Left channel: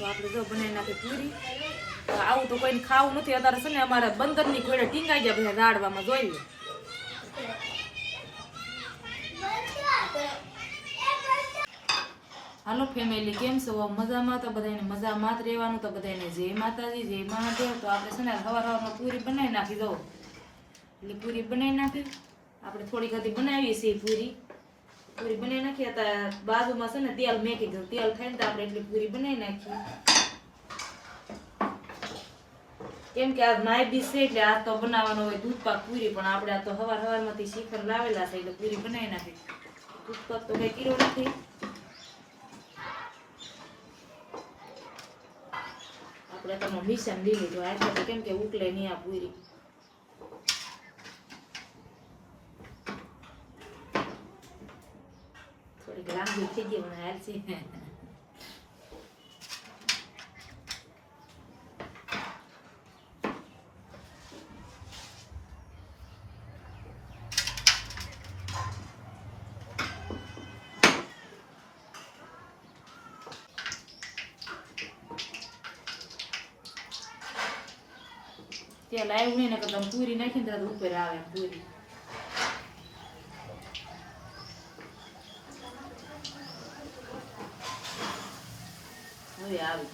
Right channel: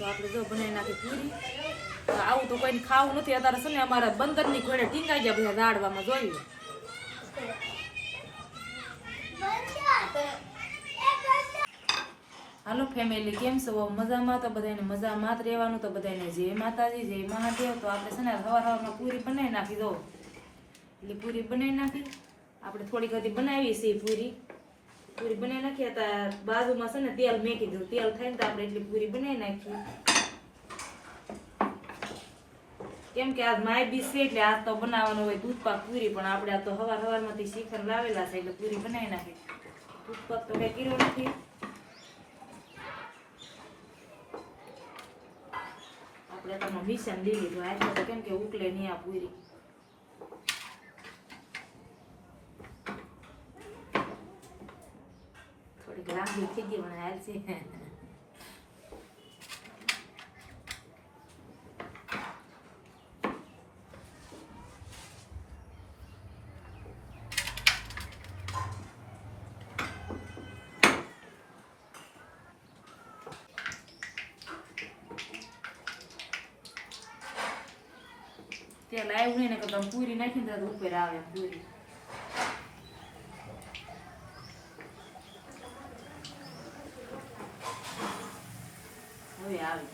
તો આપણે જો બનાવી નાખી પૂરી. આવું તો કોઈને ખાવું નથી અત્યારે છે ને અમારા બંદરની ઘોડે ટીંગાઈ ગયા બધા દાડવામાં જોઈ લે. હાલો ફેમિલી, કેમ છો? મજામાં? તો બધાને મજામાં જ રહેવાનું. તો બધાને જય માતાજી, જય મહાદેવ. તો આપણે છે ને સવારમાં પૂરી બનાવી નાખી દો. એટલે પૂરી બનાવી નાખી આપણે થોડી ઘણી બનાવીએ છીએ પૂરી બનાવી નાખી. હતા બાજુમાં છે ને તેલ મેકી દઉં, તેલ થાય ને તો આપણે એટલી પૂરી બનાવી નાખી. કેમ કે આ માય બી છે એટલે આ તો બનાવવાનો હોય દૂધ પાક પૂરી, પણ આપણે આ તો સવારમાંથી શીખર લાવેલા છે એટલે પૂરી બનાવી નાખી. દૂધ પાક તો કઈ કીરો નથી. આપણે તમે મિશન લઈ લીધું આ તો કેમ કે ઉકલે નહીં આ પૂરી. થોડીક લાંબી થઈ ગઈ મને હાલ છે. તેલ આવ્યું નહીં ને કે તમે પૂરી નાખીને તો ઉપર આવે પૂરી. હવે આવે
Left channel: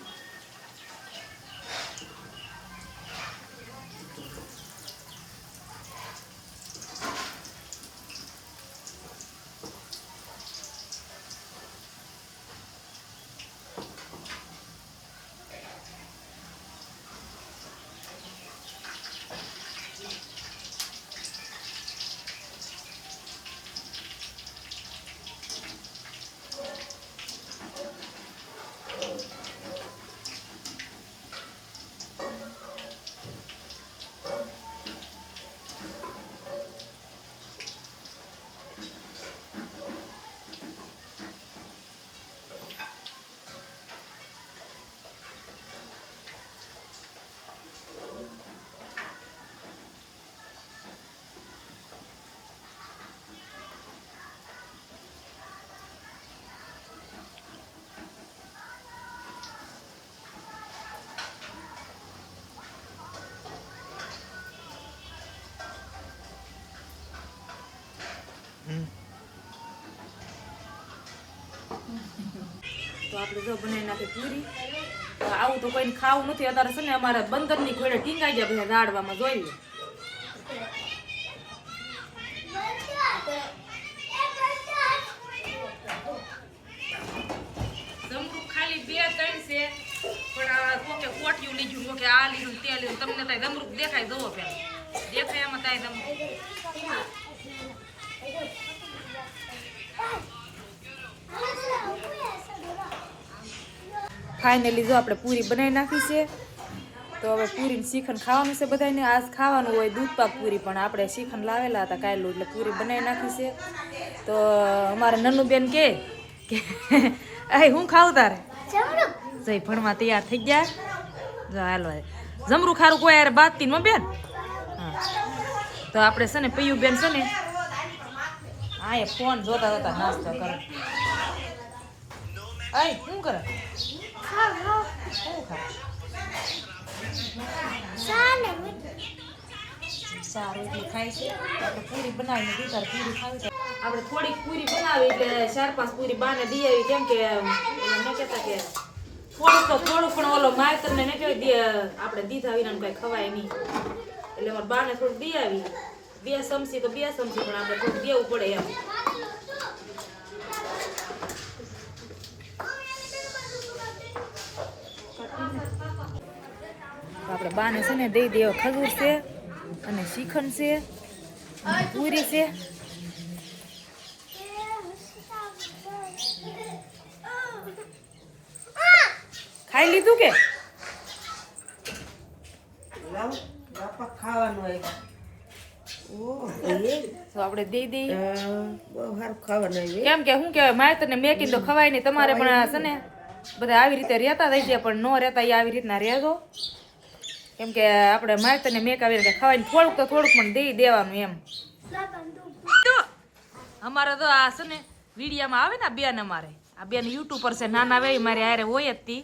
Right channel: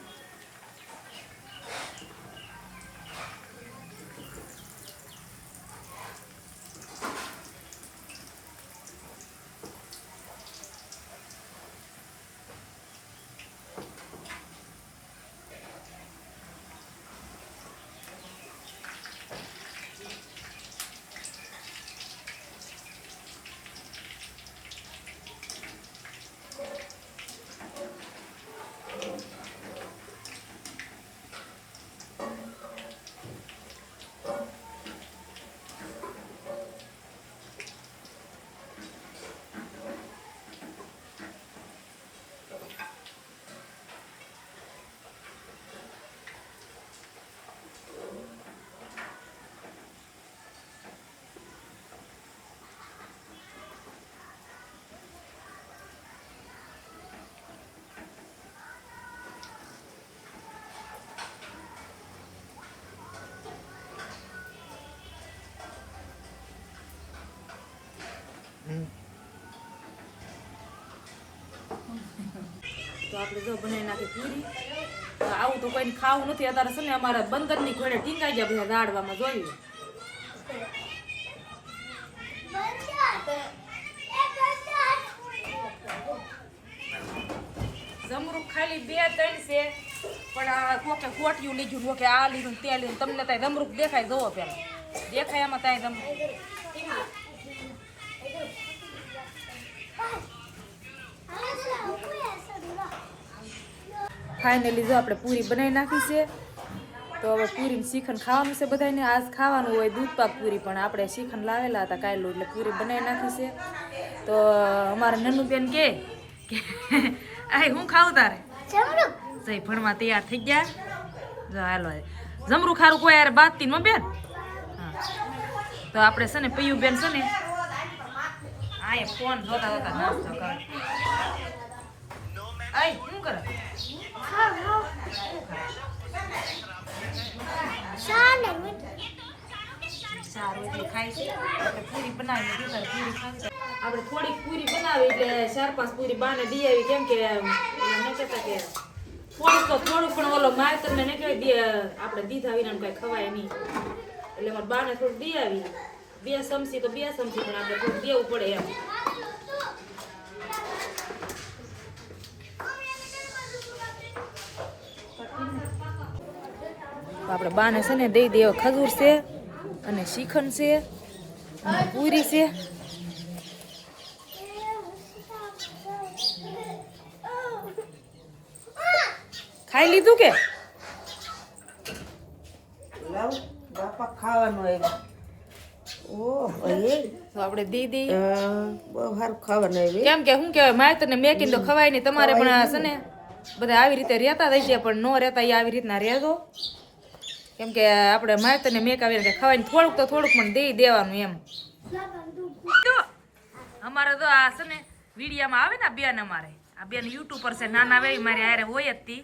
તો આપણે જો બનાવી નાખી પૂરી. આવું તો કોઈને ખાવું નથી અત્યારે છે ને અમારા બંદરની ઘોડે ટીંગાઈ ગયા બધા દાડવામાં જોઈ લે. જમરૂખ ખાલી 2-3 છે, પણ કોકે કોટિયું લીધું, કે આ લીધું ત્યાં લીધું. તમને ત્યાં જમરૂખ દેખાય જોવો પેલા દેખાય આમાં ત્યાં જમરૂખ. ફાઇનલી જો આપણે પૂરી બનાવી નાખી છે. તો હવે પૂરી શીખન ખાવાનું છે બધાને. આજ ખાવાનું હોય દૂધ પાક પૂરી, પણ આપણે શીખન લાવેલા હતા કાયલું એટલે પૂરી બનાવી નાખી છે. તો અમારા નન્નું બેન કે હું ખાવું તારે જઈ ભણવા તૈયાર થઈ ગયા. જો હાલો જમરૂ ખારું કોઈ યાર બાતતી માં બેન. હા તો આપણે છે ને પૈયું બેન છે ને આ ફોન જોતા જોતા નાસ્તો કરે. આય શું કરે? સારું એટલે ખાય છે. આપણે પૂરી બનાવી દીધા પૂરી ખાવી. આપણે થોડીક પૂરી બનાવી એટલે 4-5 પૂરી બાને દી આવી. કેમ કે મેં કહેતા કે થોડુંક પણ ઓલો માયતર ને કહેવાય આપણે દીધા વિના કઈ ખવાય નહીં, એટલે મારા બાને થોડુંક દી આવી. 2 ચમચી તો 2 ચમચી, પણ આપણે થોડુંક દેવું પડે એમ. આપણે બાને છે ને દઈ દેવા ખજૂર છે અને શીખન છે અને પૂરી છે. ખાઈ લીધું કે ખાવાનું? તો આપણે દઈ દઈ કેમ કે શું કેવાય માયતર ને મેકીને તો ખવાય નહીં. તમારે પણ છે ને બધા આવી રીતે રહેતા થઈ છે, પણ ન રહેતા આવી રીતના રહેજો. કેમ કે આપણે માયતર ને મેક આવીને ખવાય થોડુંક તો થોડુંક પણ દઈ દેવાનું એમ. અમારે તો આ છે ને વિડીયામાં આવે ને બેન, અમારે આ બેન યુટ્યુબર છે, નાના વે મારી હારે હોય જ તી.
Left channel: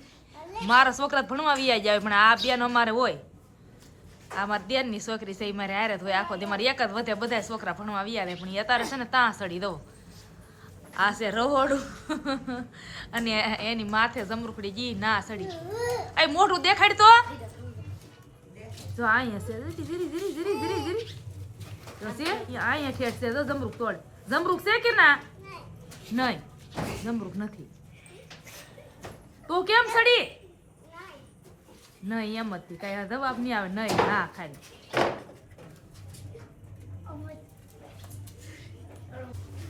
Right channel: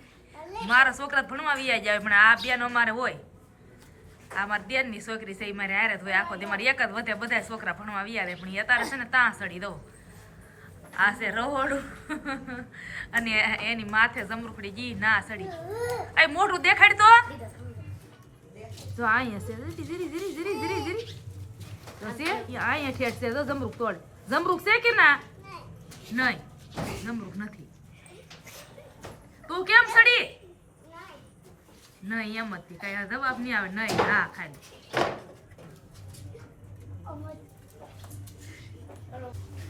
મારા છોકરા ભણવા વિયા જાય પણ આ બેન અમારે હોય. આ મારી દેરની છોકરી છે એ મારે હારે જ હોય આખો દી. મારે એક જ વધે બધા છોકરા ભણવા વિયા રહે પણ એ અત્યારે છે ને ત્યાં સડી દઉં. આ છે રહોડું અને એની માથે જમરૂખડી જી ના સડી. આ મોઢું દેખાડ તો જો અહીંયા છે જીરી જીરી જીરી જીરી જીરી તો છે અહીંયા ઠેઠ છે જો જમરૂખ તોડ. જમરૂખ છે કે ના? નહીં જમરૂખ નથી. તું કેમ સડી? નહીં એમ જ કઈ જવાબ નહીં આવે. નહીં હા ખાલી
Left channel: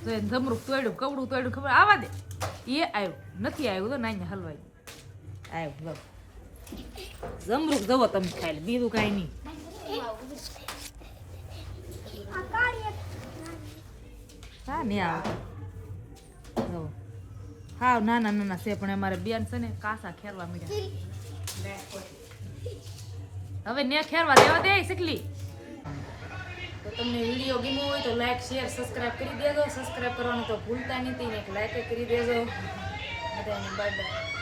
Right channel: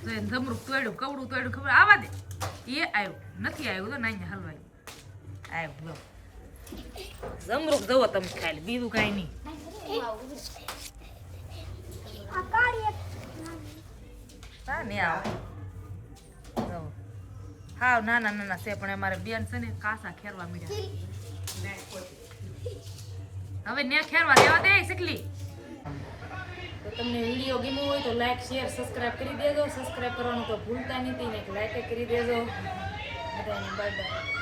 તો એને જમરૂખ તોડ્યું કવડું તોડ્યું ખબર આવા દે. એ આવ્યું નથી આવ્યું તો નાઈને હલવાય આવ્યું. જમરૂખ જવો તમે ખાલી બીજું કાંઈ નહીં. હા નહીં આવે હા નાના નાના છે પણ અમારે બેન છે ને કાસા ખેરવા મળ્યા હવે ને ખેરવા દેવા દે શીખલી. તો તમને વિડીયો ગમ્યો હોય તો લાઈક શેર સબસ્ક્રાઇબ કરી દેજો. સબસ્ક્રાઇબ કરવાનું તો ભૂલતા નહીં. એક લાઈક કરી દેજો. બધાને બાય બાય.